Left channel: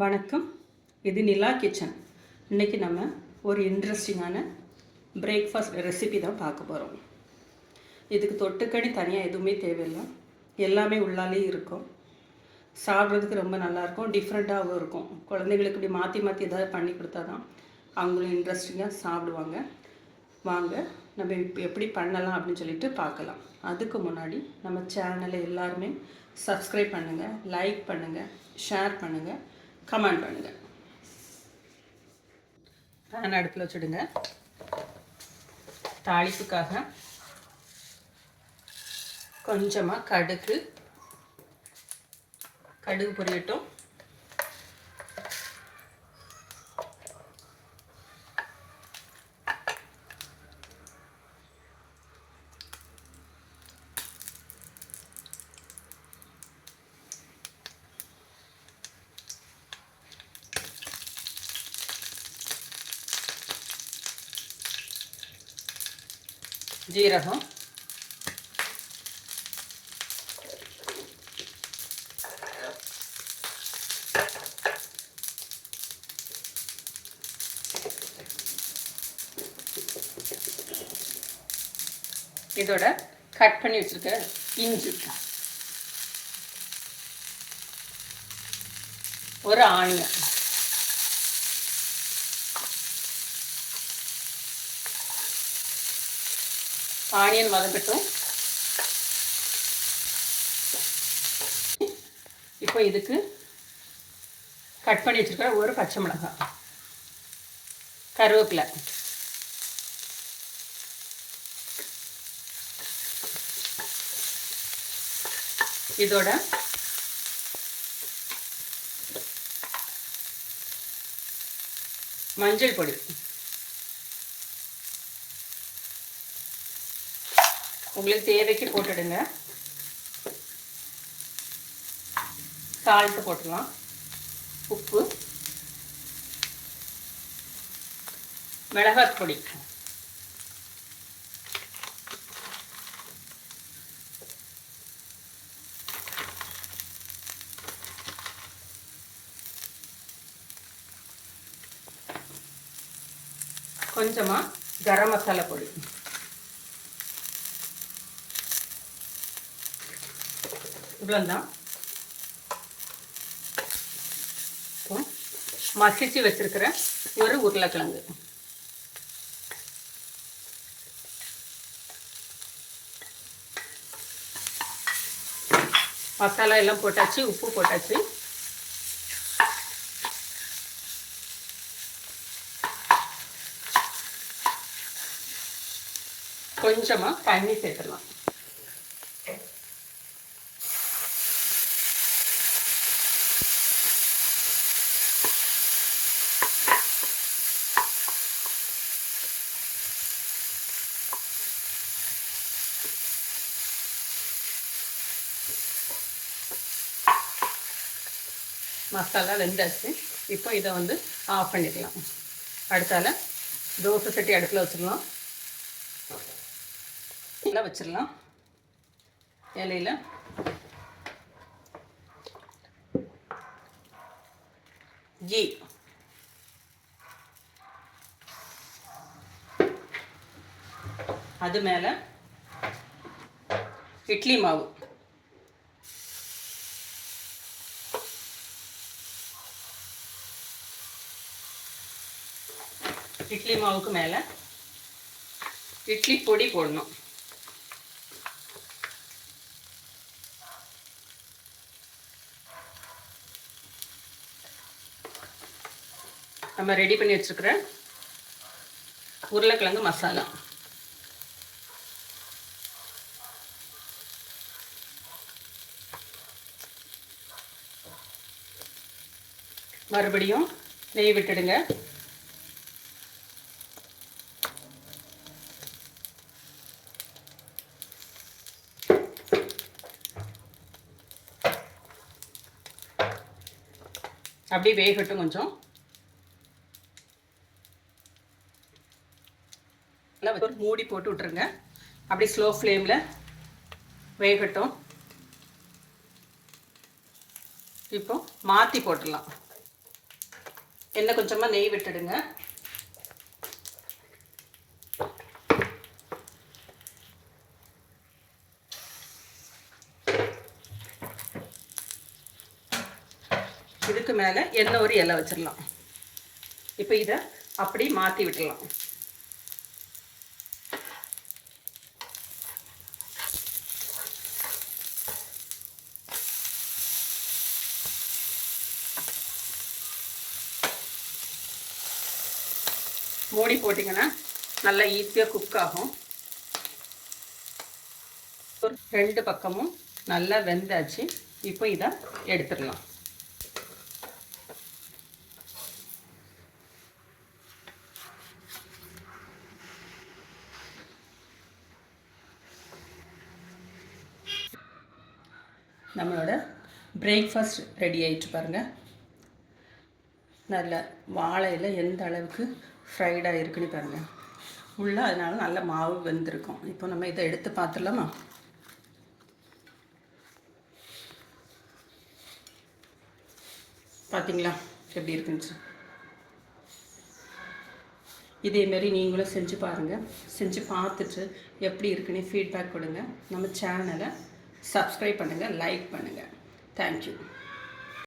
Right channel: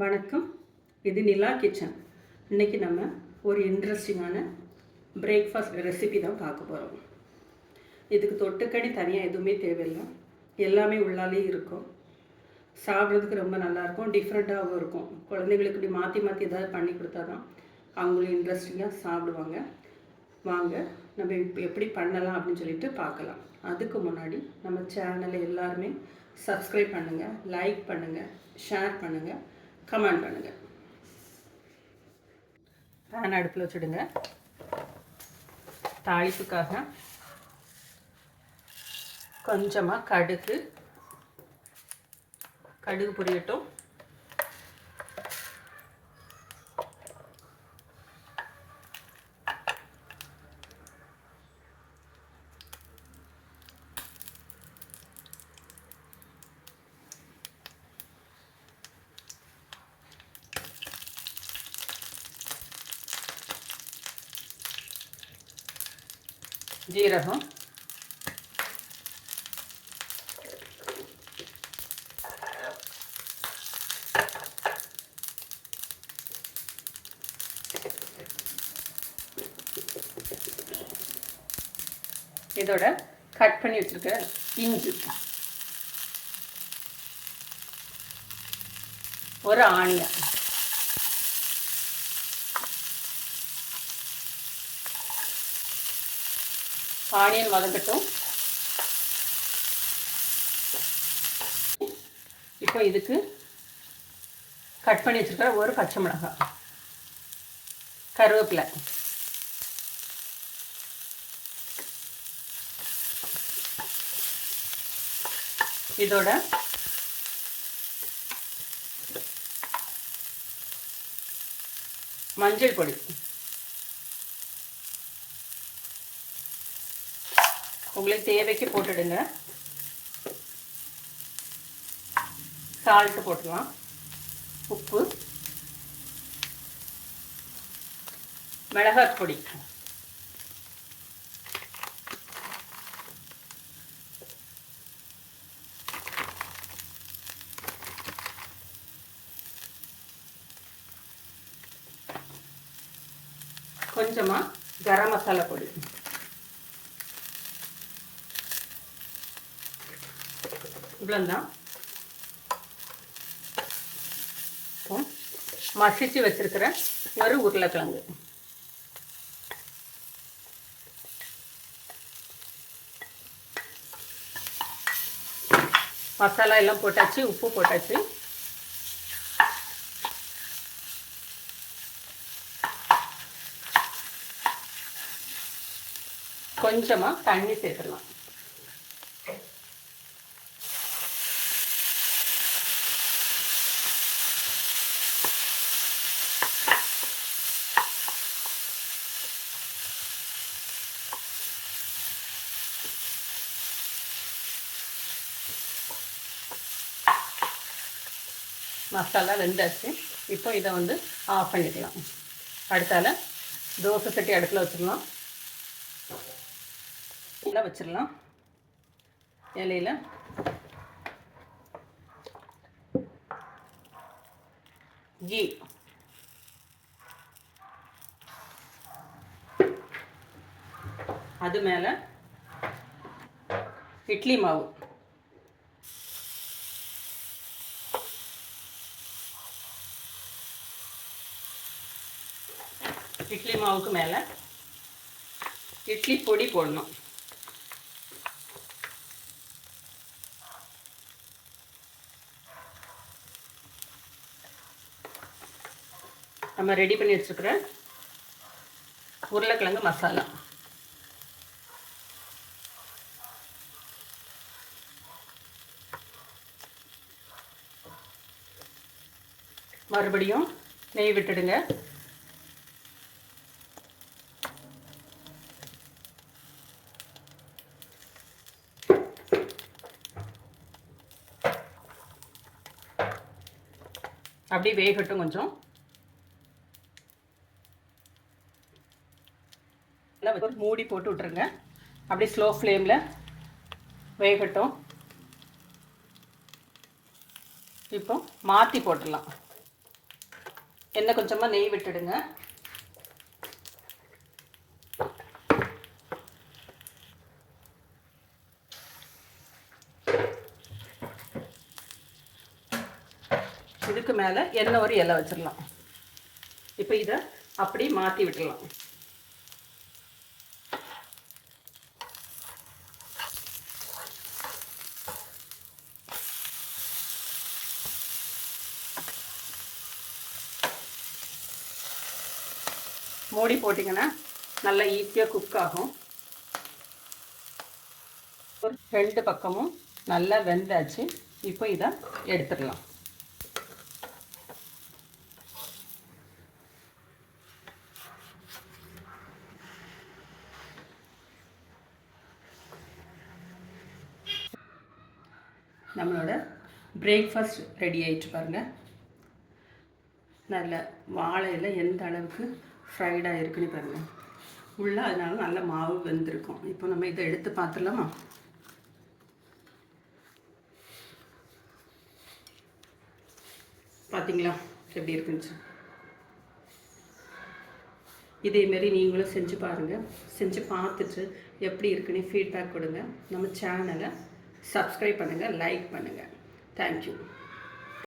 வணக்கம். இது நிலா கிச்சன். இன்றைக்கி நம்ம ஒரு இன்ட்ரெஸ்டிங்கான பிரேக்ஃபாஸ்ட் ரெசிபி தான் பார்க்க போகிறோம். இதுக்கு தொட்டுக்கடி தனியாக எதுவுமே தேவையில்லை, எல்லாமே உள்ளாலே இருக்கும். சாப்பிட்றதுக்கு ரொம்ப நல்லாயிருக்கும், டிஃப்ரெண்ட்டாகவும் இருக்கும். குழந்தைங்களுக்கு இப்படி மாற்றி மாற்றி ஏதாவது பண்ணி கொடுத்தா தான் அவங்களும் இன்ட்ரெஸ்டிங்காக சாப்பிடுவாங்க. வாங்க நம்ம இப்போ எப்படி பண்ணலாம் அப்படின்னு சொல்லிட்டு பார்க்கலாம். அதுக்கு முன்னாடி நம்ம சேனலை எல்லாருமே சப்ஸ்கிரைப் பண்ணுங்கள், லைக் பண்ணுங்கள், ஷேர் பண்ணுங்கள், கமெண்ட் பண்ணுங்கள். பேன் அடுப்பில் வச்சுடுங்க. தாளிப்புக்காக கொஞ்சமாக கடுகு பொரியட்டும். ஜீரகம், இதோட கட் பண்ணி வச்சிருக்க இஞ்சி, ஒரு ஆனியன், ஆனியன் வதங்கட்டும். இப்போ இதுக்கு கட் பண்ணி வச்சிருக்க ஒரு பச்சை மிளகாய், கருவேப்பிலை, இதோட மஞ்சள் பொடி, உங்களுக்கு தேவைக்கு போட்டுடுங்க. சால்ட்டு போட்டுடலாம், உப்பு, மிளகாய் பொடி, கொஞ்சமாக கரம் மசாலா பொடி, இவ்வளோதான். மசிச்சு வச்சிருக்கிற ஒரு உருளைக்கிழங்கு, மசாலா எல்லாம் போட்டாச்சு, உப்பு போட்டாச்சு. கொஞ்சமாக தண்ணி சேர்த்துடலாம். மசாலா வெந்தாச்சு. இப்போ இதை வந்து ஆஃப் பண்ணிக்கலாம். அடுத்தால தோசை சட்டி அடுப்பில் வச்சிடலாம். இலை வச்சிடலாம். இலையில் கீ, அது மேலே இட்லி மாவு, இட்லி மாவுக்கு மேலே இட்லி பொடி போடணும். நம்ம ரெடி பண்ணி வச்சுருக்கிற உருளைக்கிழங்கு மசாலா, மறுபடியும் நெய் விட்டுடுங்க. அப்படியே வேகட்டும். கொஞ்சம் ஒரு மூடி போட்டு விட்டுருங்க. அப்படியே ஸ்லோ ஃப்ளேமில் வேகட்டும். இப்போ மாற்றி போட்டுடலாம். எண்ணெய் கொஞ்சமாக நெய் விட்டுடுங்க. இதுக்கு மேலே எண்ணெய் ஒரு இலை வச்சிடலாம். இப்போ இதை அப்படி மாற்றி விட்டுடலாம். மூடி போட்டிங்கன்னா நல்லா ஈஸியாக குக் ஆகும். ஒரு 2 பக்கமும் நல்லா வெந்தாச்சு. இப்போ இதை எடுத்துடலாம். நம்மளோட பிரேக்ஃபாஸ்ட் ரெடி ஆகிட்டு பாருங்கள். நல்ல வாழையில் எந்த அளவுக்கு ஃப்ரைடாக இருக்குன்னு பாருங்கள். உள்ளே அதனால நல்ல மாவு வெந்திருக்கும். இப்போ நம்ம இதை எடுத்து பார்த்துடலாமா? பார்த்தீங்களா எப்படி இருக்குன்னு? இதேமாரி நீங்களும் செஞ்சு பாருங்கள். செஞ்சு பார்த்துட்டு எப்படி இருக்குன்னு ஃபீட்பேக் கொடுங்க. நம்ம சேனலை சப்ஸ்கிரைப் பண்ணுங்கள், லைக் பண்ணுங்கள். தேங்க்யூ.